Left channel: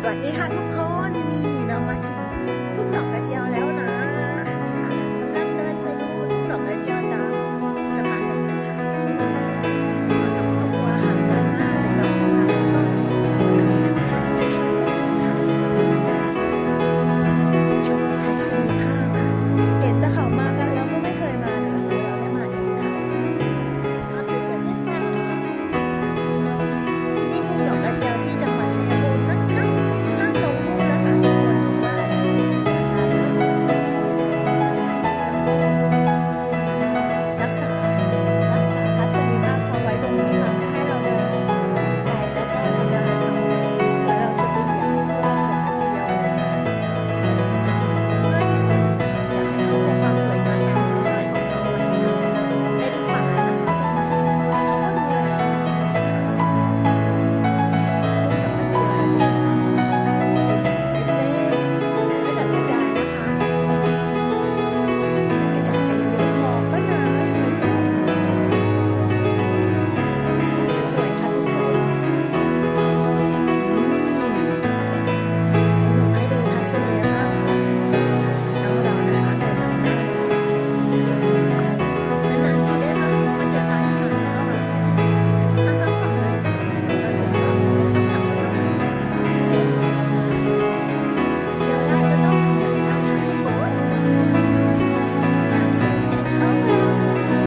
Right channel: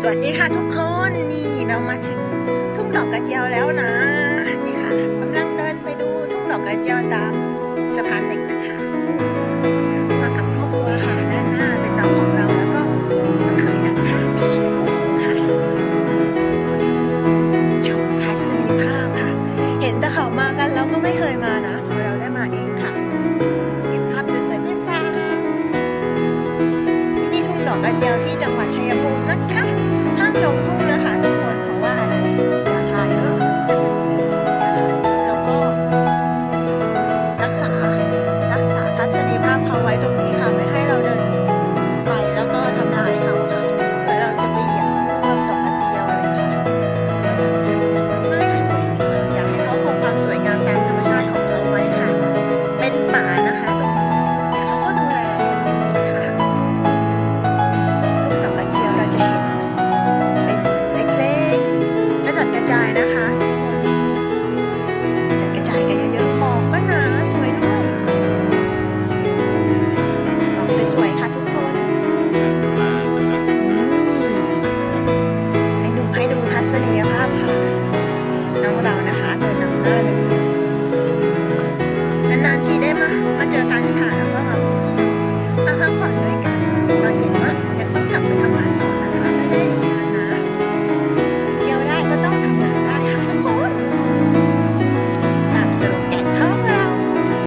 สวัสดีค่ะทุกคนนี่เรามาถึงทุ่งดอกกระเจียวแล้วนะนี่ค่ะกำลังเดินไปดูทุ่งดอกกระเจียวตามสะพานเหล็กนะคะ มากับครอบครัวค่ะด้านหน้าเป็นน้องของเราแล้วก็น้องเขยนะคะพี่กุ้งค่ะชมทัศนียภาพค่ะ เห็นแต่เขามากันเราก็ไม่เคยมานะพอเราได้มาเองค่ะเก็บภาพสวยๆไปฝาที่นี่ทุ่งดอกกระเจียวที่จังหวัดชัยภูมินะคะ ภาพเขาไว้ตรงนี้ค่ะ ไม่ให้เราเดินไปแล้วก็ทำลายเขาค่ะเผื่อเราจะไปเหยียบพวกดอกกระเจียวอะไรค่ะเขาก็จะไม่สวยงามอยากให้เขาคงความสวยงามตามธรรมชาติของเขาไว้ค่ะ เป็นป่านะคะตรงนี้แต่เขาก็ดูแลอย่างดีค่ะทุ่งดอกกระเจียวเราจะเห็นเป็นเล็กๆกระจัดกระจายนะคะทุกคนกระจัดกระจายกันเยอะๆหมอกก็หนาสวยด้วย ศนียภาพค่ะ น้องเรานะคะเดินนำหน้าเลยนานๆทีได้มามาเจอกันค่ะแล้วก็แบบมาพักผ่อนด้วยกันตอนเย็นว่ายังต้องกลับไปทำงานต่อนะคะ ไม่ได้หยุดงานนะเที่ยวได้ก็ต้องทำงานได้ค่ะทุกคนตามสรุปแก